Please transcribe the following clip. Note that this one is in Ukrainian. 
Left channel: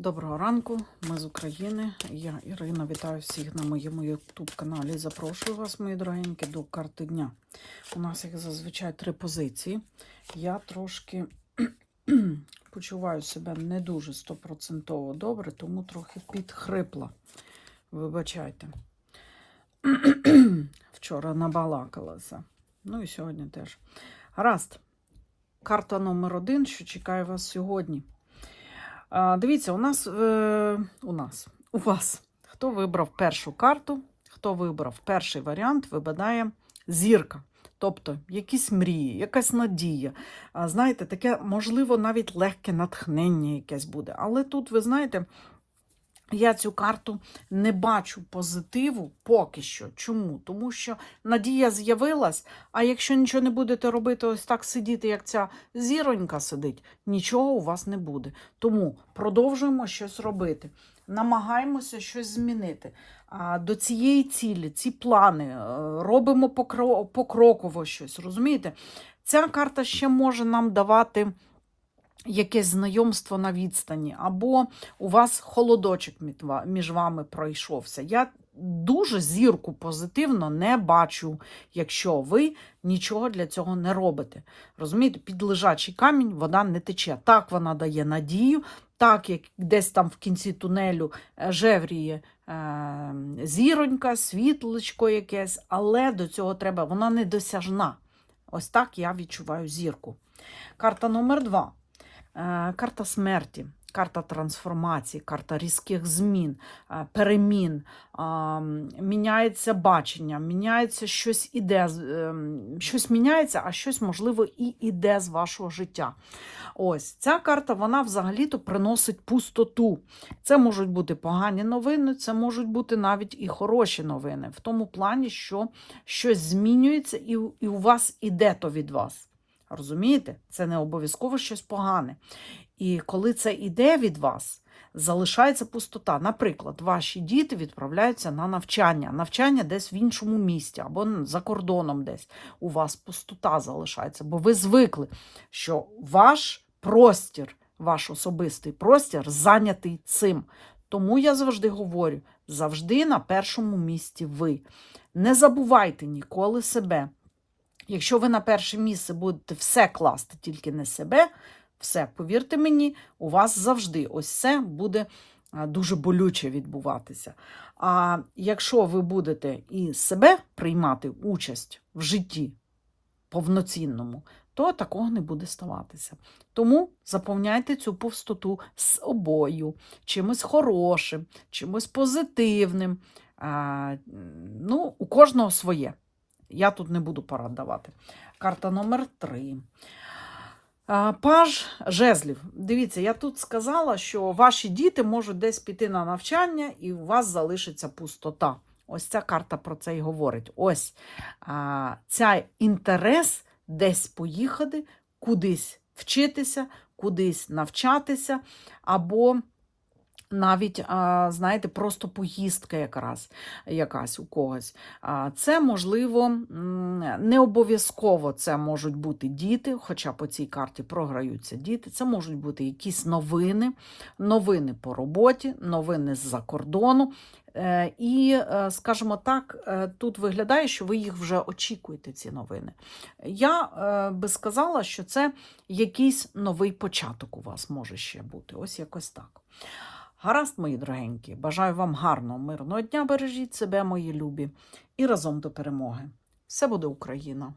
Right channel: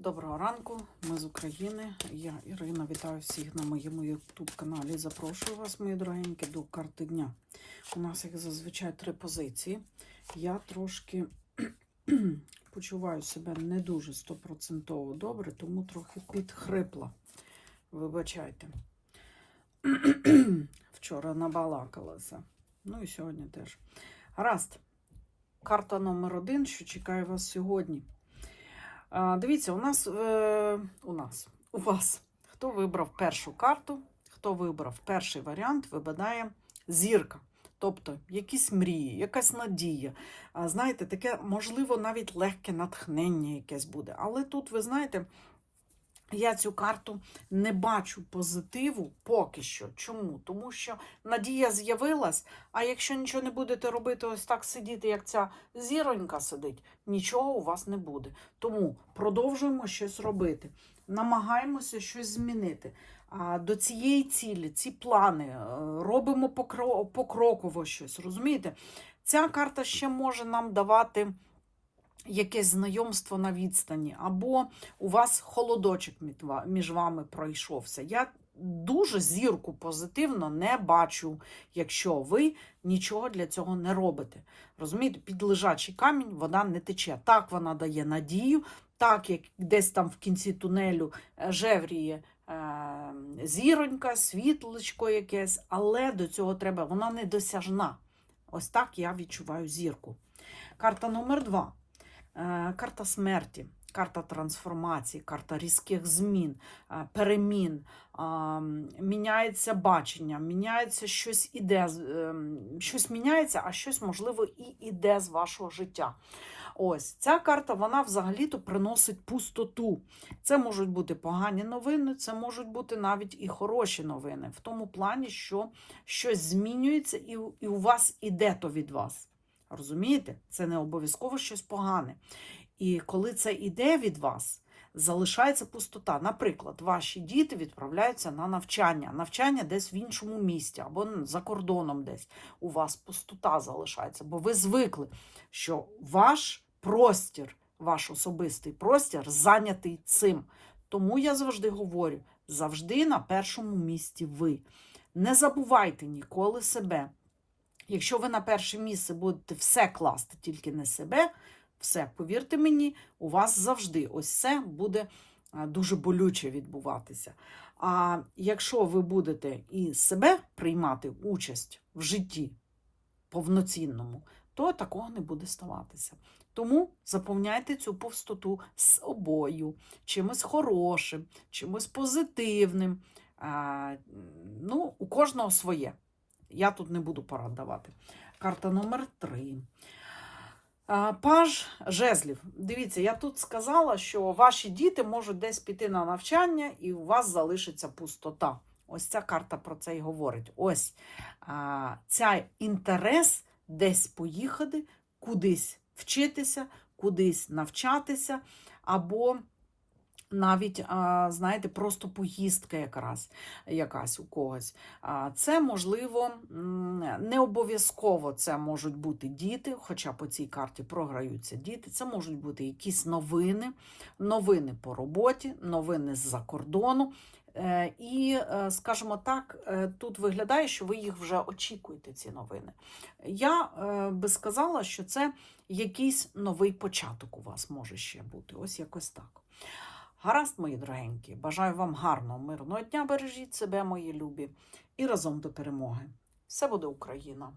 Доброго ранку, ми з України. Я Ірина. Вітаю всіх на моєму YouTube каналі. Запрошую вас, мої дорогенькі, до карти дня. У нас, як зазвичай, три позиції. Я трошки почуваю себе не дуже стопроцентово добре, тому трохи підхрипла. Вибачайте. Вчора набалакалася. Ну і сьогодні теж. Гаразд. Карта номер один, що чекає вас сьогодні. Дивіться, у нас, е, у нас, у вас, хто вибрав першу карту, хто вибрав перший варіант, випадає зірка. Тобто якісь мрії, якась надія. Знаєте, таке, можливо, навіть легке натхнення якесь буде. Але тут, ви знаєте, я цю карту не бачу позитиву поки що. Чому? Тому що надія з'явилась, а якщо нічого не будете робити, ось так сидіти, як ця зіронька сидить, нічого у вас не буде. Тому продовжуємо щось робити. Намагаємося щось змінити. А до цієї цілі, ці плани е, робимо покроково щось. Розумієте? Ця карта ще може нам давати якесь знайомство на відстані, або у вас холодочок між вами пройшовся. Я дуже зірку позитивно не бачу, якщо ви нічого для цього не робите. Розумієте, під лежачий камінь вода не тече. Так вона дає надію, так як десь там в кінці тунелю е, жевріє е, зіронька, світлочко якесь, але до цього треба, вона недосяжна. Ось так я відчуваю зірку. Карта номер два. Е, Карта смерті, карта трансформації, карта різких змін, е, перемін, міняється бачення, міняється щось іде, щось міняється, а щось, можливо, і іде з вашого життя. Ось ця карта вона взагалі-то приносить пустоту. Це можуть бути погані новини, це можуть бути навіть і хороші новини, в тому плані, що щось змінюється, і у вас іде то від вас. Розумієте? Це не обов'язково щось погане. І коли це іде від вас, залишається пустота. Наприклад, ваші діти відправляються на навчання, навчання десь в іншому місті або за кордоном десь. У вас пустота залишається, бо ви звикли, що ваш простір, ваш особистий простір зайнятий цим. Тому я завжди говорю: завжди на першому місці ви. Не забувайте ніколи себе. Якщо ви на перше місце будете все класти, тільки не себе, все, повірте мені, у вас завжди ось це буде дуже болюче відбуватися. А якщо ви будете і себе приймати участь в житті повноцінному, то такого не буде ставатися. Тому заповняйте цю пустоту з обою, чимось хорошим, чимось позитивним. А, ну, у кожного своє. Я тут не буду порад давати. Карта номер 3. Паж жезлів. Дивіться, я тут сказала, що ваші діти можуть десь піти на навчання, і у вас залишиться пустота. Ось ця карта про це і говорить. Ось а, ця інтерес десь поїхати, кудись вчитися, кудись навчатися, або навіть, знаєте, просто поїздка якраз, якась у когось. Це можливо не обов'язково це можуть бути діти, хоча по цій карті програються діти. Це можуть бути якісь новини, новини по роботі, новини з-за кордону. Е, І, е, скажімо так, е, тут виглядає, що ви їх вже очікуєте, ці новини. Я би сказала, що це якийсь новий початок у вас може ще бути. Ось якось так. Гаразд, мої дорогенькі, бажаю вам гарного, мирного дня. Бережіть себе, мої любі, і разом до перемоги. Все буде Україна!